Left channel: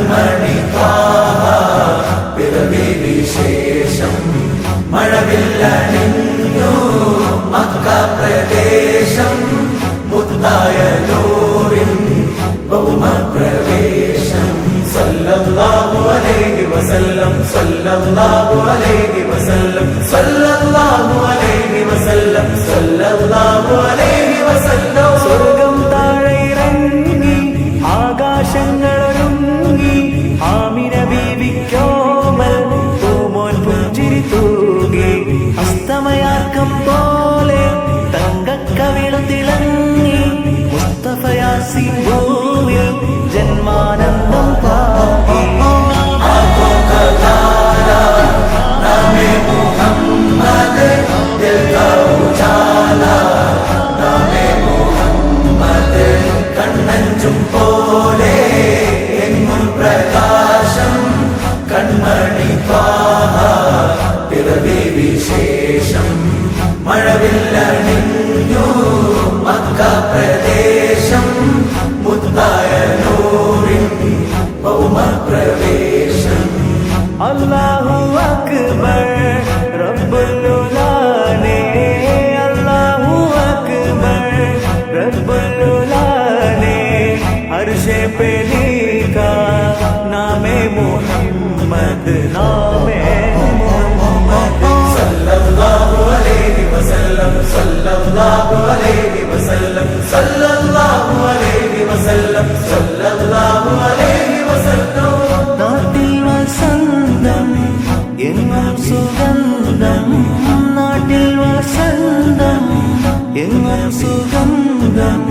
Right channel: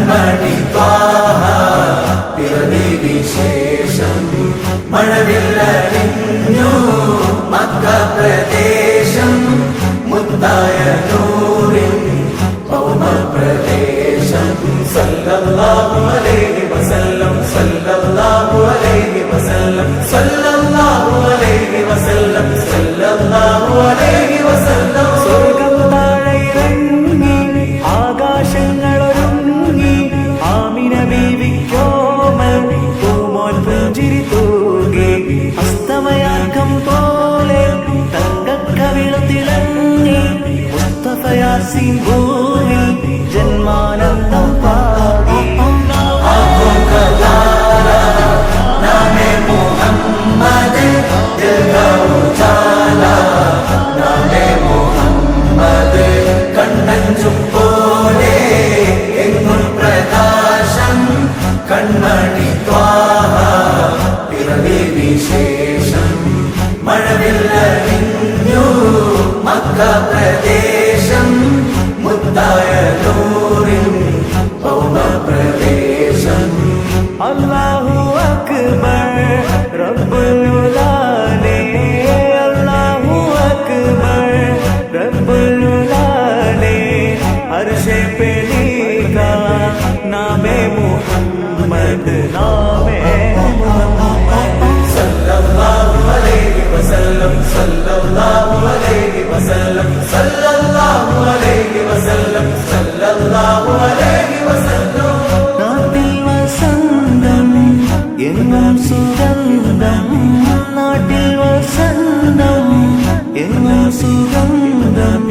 കൺമണി ത്വാഹ പിറവി വിശേഷം മഴവില്ലണിഞ്ഞു മക്ക പ്രദേശം മുത്തായ നൂറിൻ ഭൗമപ്രവേശം സല്ലല്ലാഹു അലൈഹി വസല്ലം സല്ലല്ലാഹു അലൈഹി വസല്ലം സല്ലല്ലാഹു അലൈഹി വസല്ലം സല്ലല്ലാഹു അലൈഹി വസല്ലം സ്വർഗം താഴെ ഇറങ്ങി ആകാശങ്ങളൊരുങ്ങി ആമിന ബീവിക്കോമൽ പൂമോൻ പുഞ്ചിരി തൂകി അസ്തമയാർക്കം പോലെ തങ്കക്കവിളു തിളങ്ങി മുസ്തഫ യാസീൻ ഭൂവിൽ ജന്മാനന്ദം പാകി വിശേഷം മഴവില്ലണിഞ്ഞു മക്ക പ്രദേശം മുത്തായ നൂറിൻ ഭൗമപ്രവേശം അല്ലാഹു അക്ബർ റബ്ബുൽ ഉലാനെ അല്ലാഹു അക്ബർ റബ്ബുൽ ഉലാനെ അർശേ पे लिखा नामे मुहम्मद नामे मुहम्मद सल्लल्लाहु अलैहि वसल्लम सल्लल्लाहु अलैहि वसल्लम सल्लल्लाहु अलैहि वसल्लम सल्लल्लाहु अलैहि वसल्लम നാട്ടിൽ വസന്തം എങ്ങും സുഗന്ധം നാട്ടിൽ വസന്തം എങ്ങും സുഗന്ധം